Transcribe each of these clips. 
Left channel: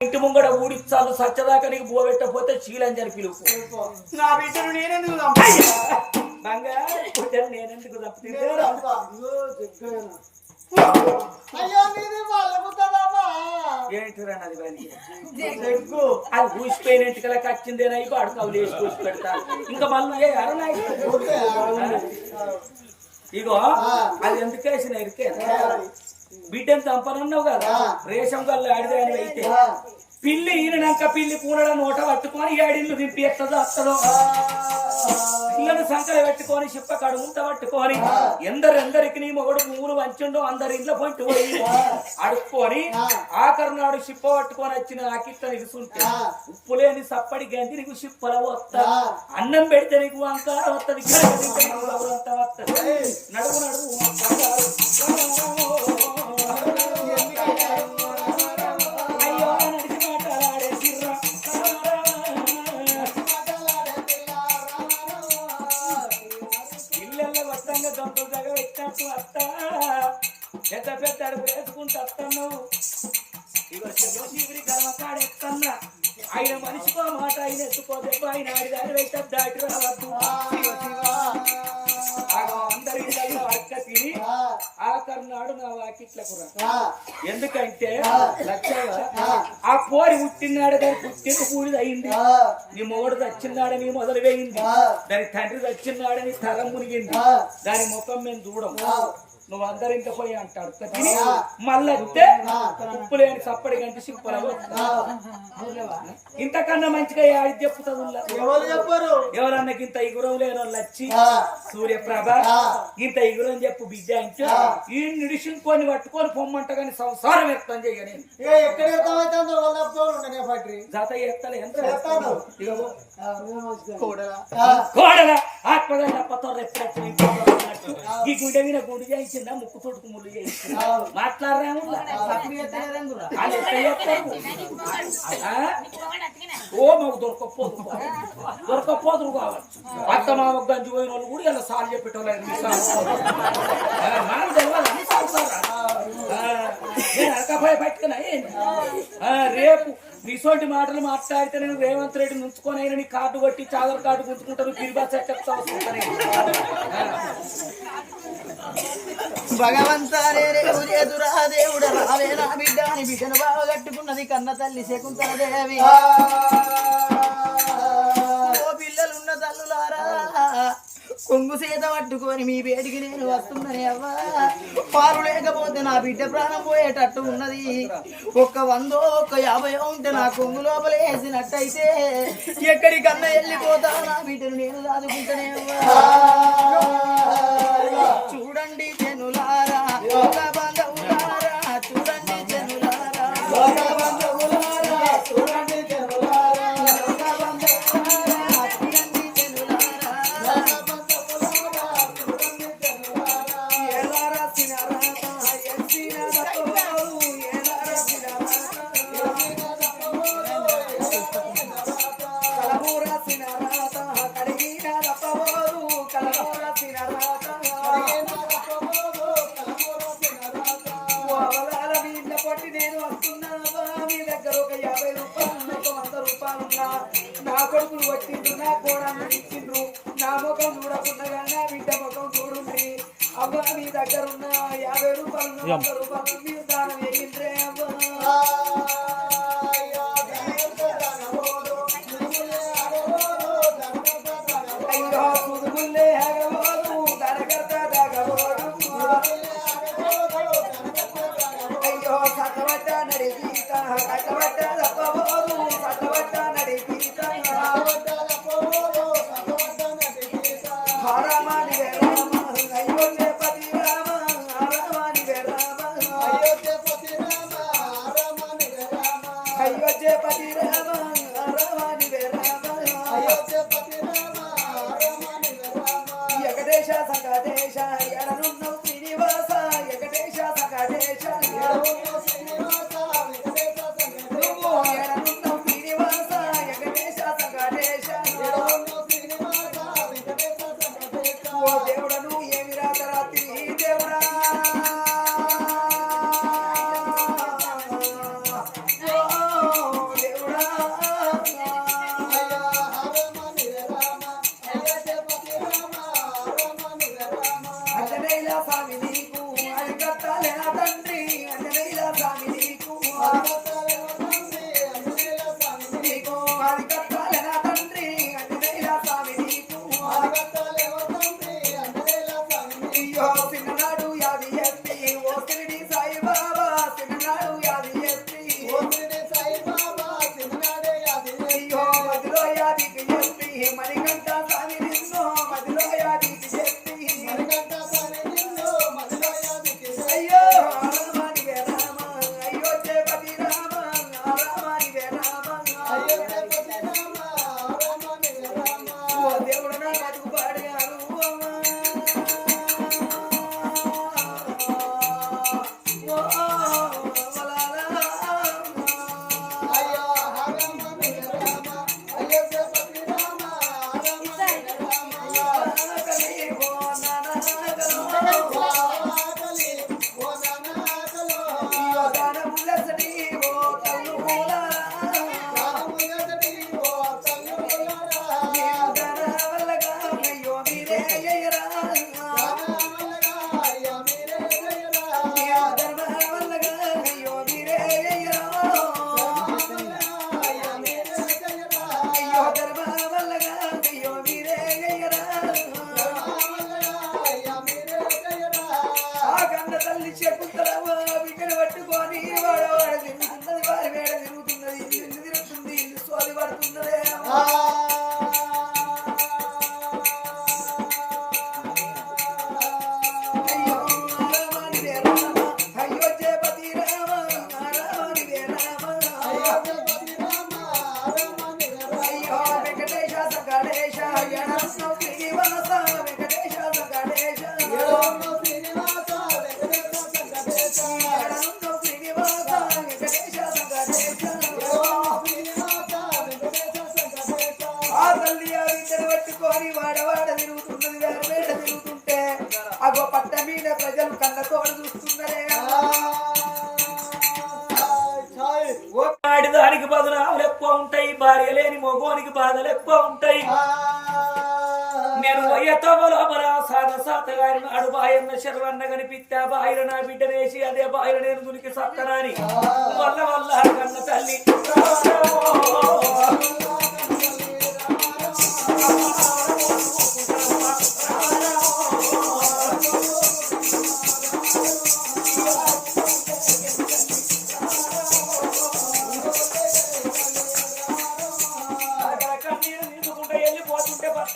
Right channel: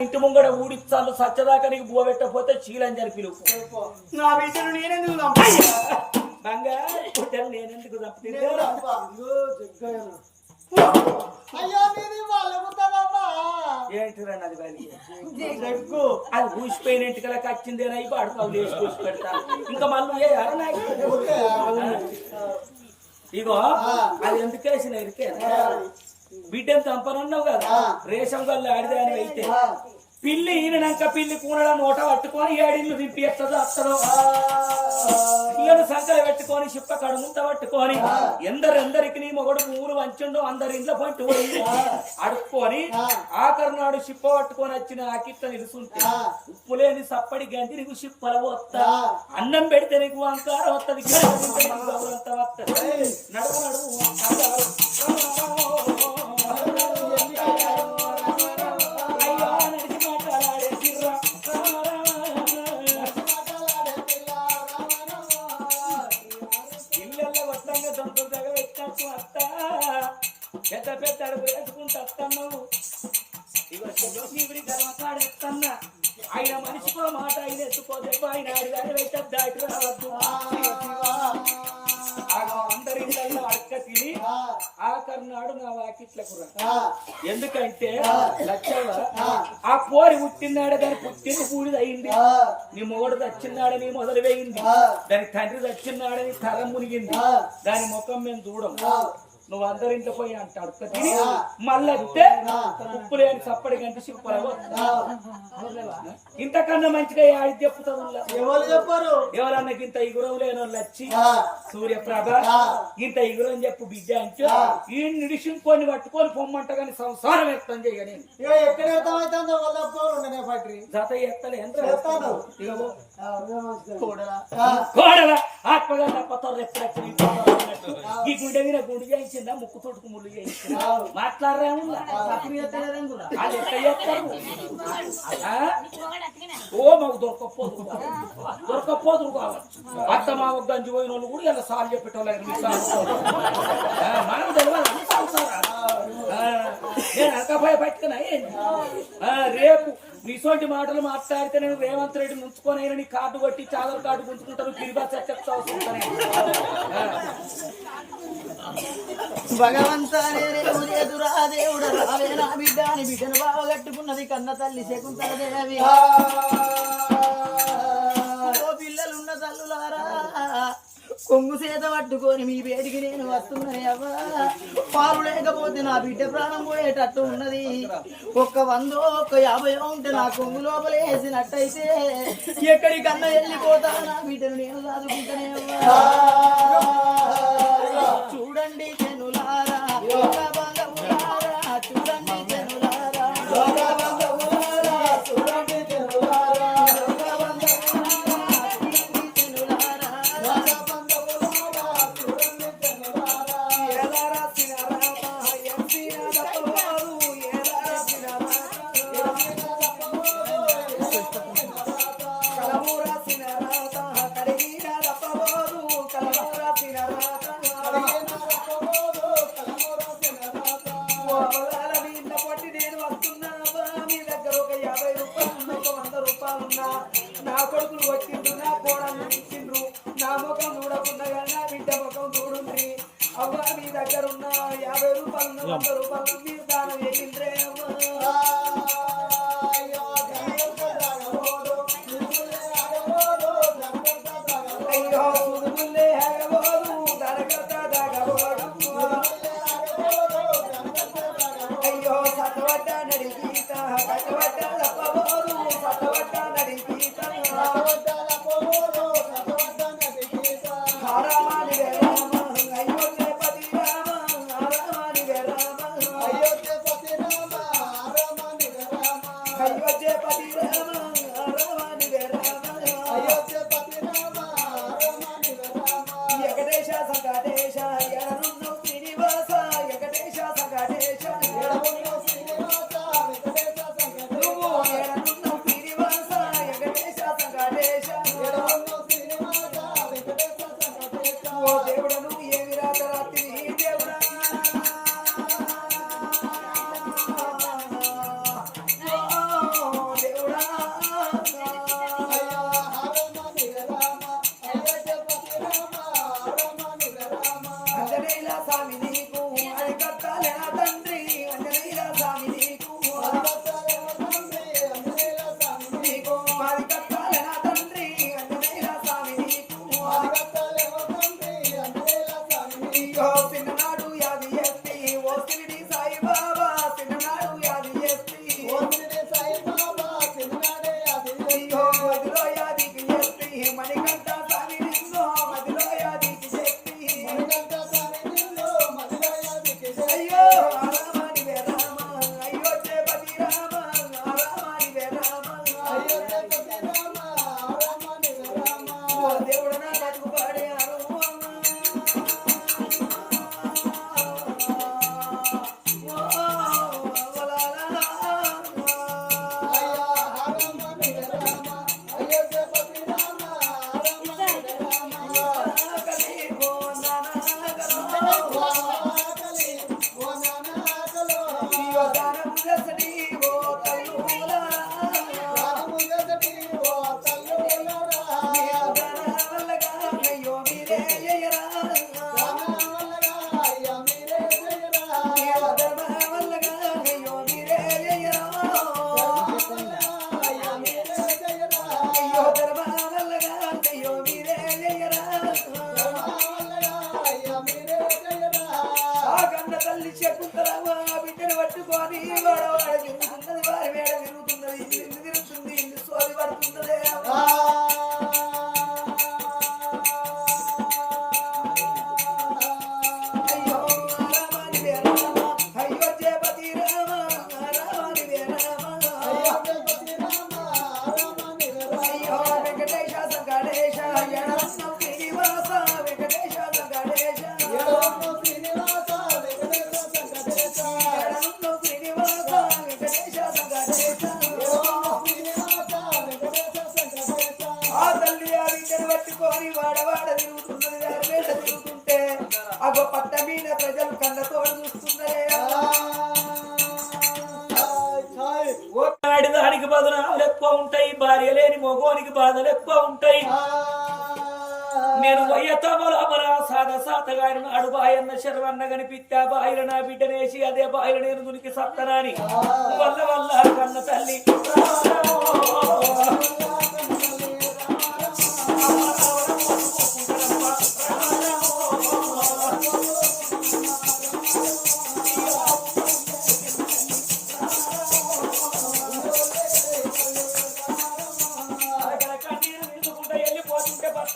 ఇంటి ముంగడ ఊడిచ్చాను సచ్చదాకా నీకు బువ పెట్టకపోతే శీలంజని పిలుపు. నా బిడ్డను నేనెందుకు? బంగారు నేనెందుకు అది పూసిపోయిన ఇంటికల కచ్చిందేనా ఇప్పుడు అడుగు లేచి పూసి పెడతా. ఇంకా మళ్ళీ ఇగో అది ఎందుకు వేసిన ఇరికే? బిడ్డను చంపనన్నావు కదా? రేషం కళ్ళు ఆడిదే అని అయితే. పిల్లి ఈయనక పిల్లి కూనడ నోట పట్టుకొని ఏడిల్లు దింపి ఎత్తదో అత్తదో పిల్లను సంకల పెట్టుకొని చిప్ప కడుగుంట పట్టుకొని ఎందరెందరికి నీ మొగడు పువ్వులు వంచుండో అందరి ఇంట్లో పొంటి పోయి అడుక్కొని ఆఖరి నాడు చిప్ప పట్టుకొని వచ్చిన ఆకిట్ట నిలుసుంటే ఉప్పు లేని సప్పడి గంటి నీకు చిప్పల వస్తా అన్నం పెడితే నీకు అంకారం వస్తుంది అంత వస్తుంది పెద్ద పెద్ద అడుగు వేసుకుంటూ వస్తాను ఇక శివుడి కర్మకాడు ఎత్తన్నా ఆయన మనిషికో మాట ఆయన ఎత్తుకోదే. ఆయన ఆడి దాని అయితే దాటి రావద్దు. ఆ అందరి ఇళ్ళల్లో అక్క తిని ఆ. కర్నాడు నా వాకిట్లకు రా ఎందుకంటే లచ్చవ్వ ఆ. పోరి పుట్టినాడు దాని పుట్టిన పూడిది అయింది నీ మొగడు చచ్చినాడని మొదలు వేయింది దాని తండ్రి చచ్చినాడని తరం మునిగింది. దాని ముఖం మేము చూడం నువ్వు అందరు ఇంకా పోయి అంటాడు తిని మళ్ళీ అడిగితే ఉప్పు లేని సప్పడి గంటి సింపలవు ఇంతకన్నా మంచిగా ఆడి చెప్పుతుంది. ఎవరు చెప్పరు? ఎవరన్నా ఇంత ఇగురం లేని వాళ్ళు వచ్చి సూర్యప్రభ ఇంత ఇగురం చెప్పు బిడ్డ అంటే ఈ నిడిసింకొని పట్టుకొని పొమ్మంట కానీ సంసారం వ్యక్తం చేయని ఎక్కడ ఉండనే ఫ్యాక్టరీ? జత ఎత్తలే కూడలా. ఆత్మగా తప్పతో రెప్పరెప్ప ఈ గుండె మీద గుడి చేయించిందా ముక్కు తోటుకు ముళ్ళు చేయించిందా మాట్లాడరా వాళ్ళు ఎట్లా చేస్తారు? ఆ? ఓ మాకు దొరకపోదు దొరకపోదు కావచ్చు. అత్త మామ గంజి పోయిన వాళ్ళు కూడా ఇలా సార్లు చెప్పేటోళ్ళు మీ సార్లు. ఆ, మనకు తెలియదు అన్ని రేపు నీసోటి మాటలు మాట్లాడితే నేను రేవంత్ రెడ్డి నుంచుకొని అయినా నీ కార్డు కొట్టి ఆధార్ కార్డు గుంజుకుంటాను గిరిబా చెప్తా వస్తుంటాను. చేదురా దేవుడ రావే నా బిడ్డ బిడ్డను బాగా కట్టుకున్నది కన్న తల్లి శకుంతలదేవి. ఓ పట్టుకొని మీ వేడికి నేను వస్తున్ననే అవ్వా. పారు లేకపోతే నా బిడ్డ ప్రాణం పోయేటట్టు ఉన్నది. ఒక్క వందో ఒక్క యాభై ఉంటే నా కొంగు లోపల వేసినట్టయితే ఎక్కడికన్నా వెళ్ళిపోతా. నా బిడ్డను నేను దాదుకుంటానే అవ్వా. వస్తున్నావా మీ దగ్గర ఒక యాభై రూపాయలు ఒక వంద రూపాయలు ఉన్నా నా కొడుకులు వచ్చిండ్రు నా కోడళ్ళు ఇచ్చిండ్రు నా ముఖం చూడకుండా నా బిడ్డ ముఖం అవ్వ మీ దగ్గర ఉన్న యాభై రూపాయలు వంద రూపాయలు మీరు దానం చేయిండ్రే అవ్వ. గోపిన పట్టుకొని వాడవాడ తిరుగుతున్నది. వేరు వేరు తిరుగుతుంటే అగో పట్ట మీద ప్రజలు కన్నతోడు చూస్తున్నారే ఓ ఆడిదానికి బదునాములు ఎక్కువ ఉంటాయి భార్య లేని మగోనికి బాధలు ఎక్కువ ఉంటాయి. నేను వయ్యతో లోపల సాగ సాతగారి నాడు బాయన్న శర్వన్న కనిపిత్తా బాయిల నా బిడ్డనేసి అదే బాయిల నేను దునికి సత్తనాని. వల్ల వల్ల కన్న తల్లి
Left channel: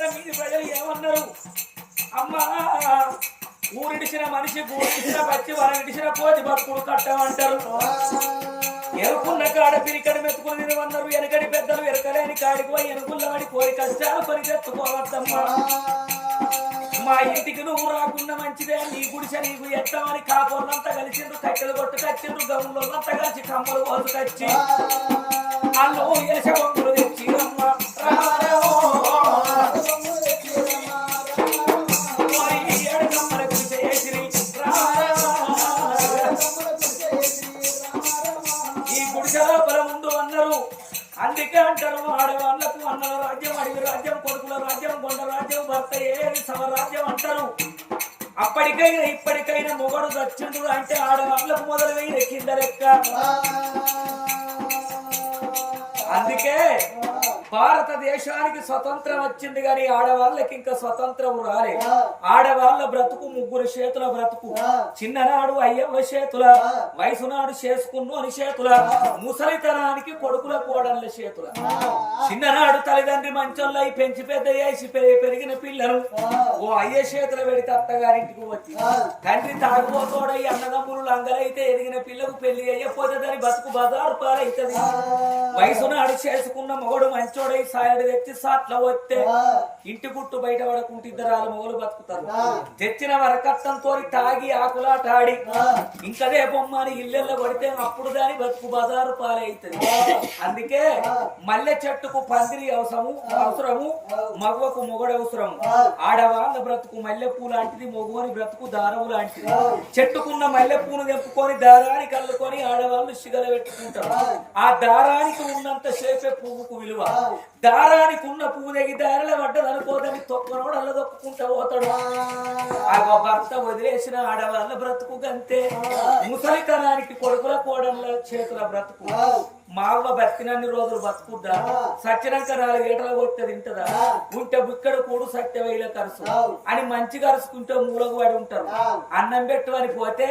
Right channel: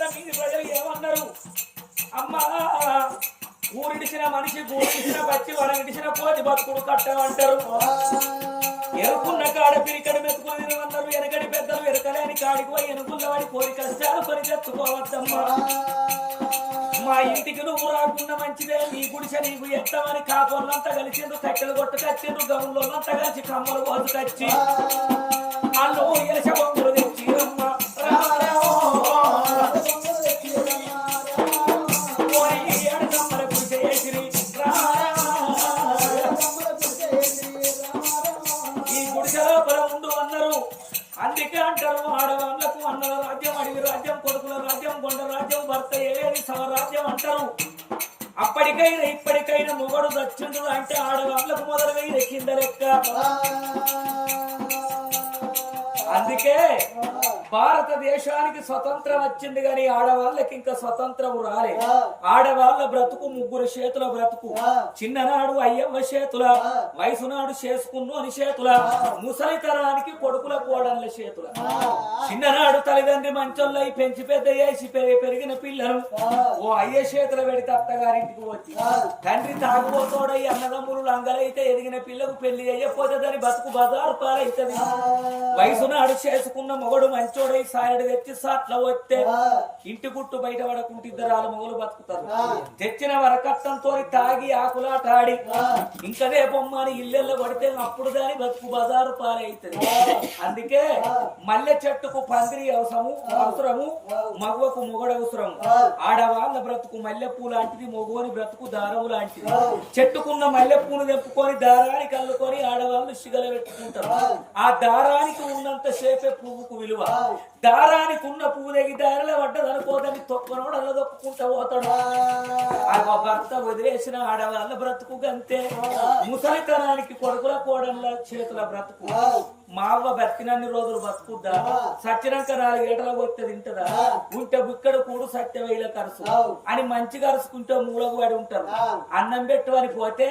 వెళ్ళిపోతుంటే మీది ప్రజలు ఏమన్నారు? అమ్మా ఊరిడిచిన మనిషి ఊరిడిచిన బచ్చి వరగిడిచిన పోతి బతుకుడు కట్టమంటారు. ఎరుకున్న కాడ పిరికడి మెతుకులు తినమన్నారు. వెనకడి పెద్దలు ఎరకలేని కాడికి పోయి ఎనుకుల్ల వాడి కోరి కష్టాలు కొని మా ఇంటికి నువ్వు రాకుండా మంచిదే. నీ గుడిసె నీకు ఎత్తమని కాపోళ్ళంతా కలిసిండ్రు కట్టెలు కొట్టు కచ్చిండ్రు గౌన్లంతా కలిసి కమ్మలు కోసు కచ్చి. అల్లు ఎలస బొమ్మలు తెచ్చి అమ్మ అందుకే అంటారు ఆడవాళ్ళకు అన్నల రాజ్యం అడవి రాజ్యం కొడుకుల రాజ్యం కొండ రాజ్యం భర్త ఏది సమరాజ్యం అంటారు. అప్పటికైనా ఇప్పటికైనా మొగడు దచ్చుండు అంటే ఆడవాళ్ళకు మొదలు వెయ్యి లెక్కిందరెక్క లెక్క. అందుకే భారతదేశానికి స్వతంత్రం వచ్చింది కానీ ఆడవాళ్ళకి ఇంకా స్వతంత్రం రాలే ఆడవాళ్ళ బ్రతుకు ముగ్గురు చేతుల బ్రతుకు. చిన్ననాడు అయ్యవ్వ చేతుల వయసునాడు చేసుకున్ను అని చేతుల ముసలితనానికి కొడుకుల కోడళ్ళ చేతుల. చిన్ననాడు తల్లిదండ్రి మంచోళ్ళై పెంచి పెద్ద చేసి పె- పెరిగిన పిల్లలు. ఓ అయ్య చేతుల పెడితే అత్తగారింటికి వచ్చి తండ్రి తాగుబోతోడై అన్నదమ్ములు లంగలైతే ఎదిగిన పిల్లకు పెళ్ళి అయ్యపోతే దాని బతుకు బజారు పాలైతది. వయసునాడు చేసుకున్న మొగడు మంచోడై సాయడు తెచ్చి సాట్ల వస్తే ఇంటి గుట్టు బయట పడకుంటే ఇద్దరాలు మొగలు బతుకుతారు. తెచ్చిన వరకట్టంతో తాగి ఆకులాటాడి ఇంకదే బొమ్మని ఇల్లెల్ల పడితే అప్పుడు దాని బతుకు బజారు పాలైతది. అందుకే మల్లె చెట్టుకు పందిరి అవసరము అవసరము మగవకు మొగడు అవసరము. ఆడవాళ్ళ బ్రతుకు మల్లెపూ లాంటిది మగవని బ్రతుకు దారము లాంటిది. చెట్టుకున్న మల్లెపూను తెంపుకొని దారానికి అల్లుకొని ఆడవాళ్ళు సిగల పెట్టుకుంటారు ఆ దారానికి ఉన్నంత సేపే పువ్వుకు విలువ. దారానికి ఉన్న పువ్వు దగ్గర దారిలో పడ్డదనుకోదని తొక్కనోడు అల్ల దొక్కుంటా పోతాడు ఆ భర్త వదిలేసిన ఆడవాళ్ళ బ్రతుకు గంతే. ముసలితనానికి కొడుకుల కోడళ్ళ చేతుల బ్రతుకు. మా అవ్వ బతికినన్ని రోజులు బతుకుద్దా? సచ్చినాక నాలుగు కొట్టే తింటదా? ఉంటే బుక్కడు కూడు సత్యవేల కరుసు. అని మంచి కరుసుకుంటే మూలకు పడి ఉంటారు. అన్నం పెట్టు అని పోతే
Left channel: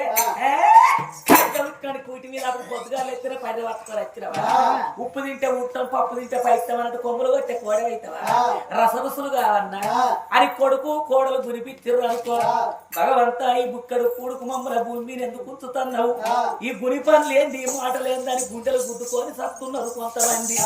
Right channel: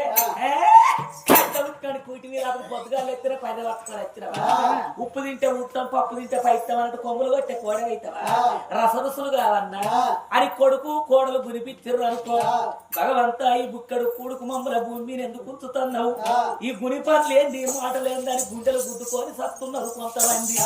"ఏ, కట్ట ఉట్టుకొని కూటి మీద అప్పుడు పొద్దుగా ఎత్తిన పది పట్టుకొని వచ్చినవా? ఉప్పు తింటే ఉట్టం పప్పు తింటే పైస్తాం అన్నట్టు కొమ్ములు కొట్టే కోడ అవుతావా రసరసులు కావన్నా? అని కొడుకు కోడలు గురిపిచ్చిర్రు అనుకో. భగవంతా ఈ బుక్కడు కూడుకు మమ్మల భూమి మీద ఎందుకు ఉంచుతున్నావు? ఈ గురి పనులు ఏంది ఈ మాటలు ఏందని గుండెలు గుద్దుకొని సత్తున్నారు కొంతమంది.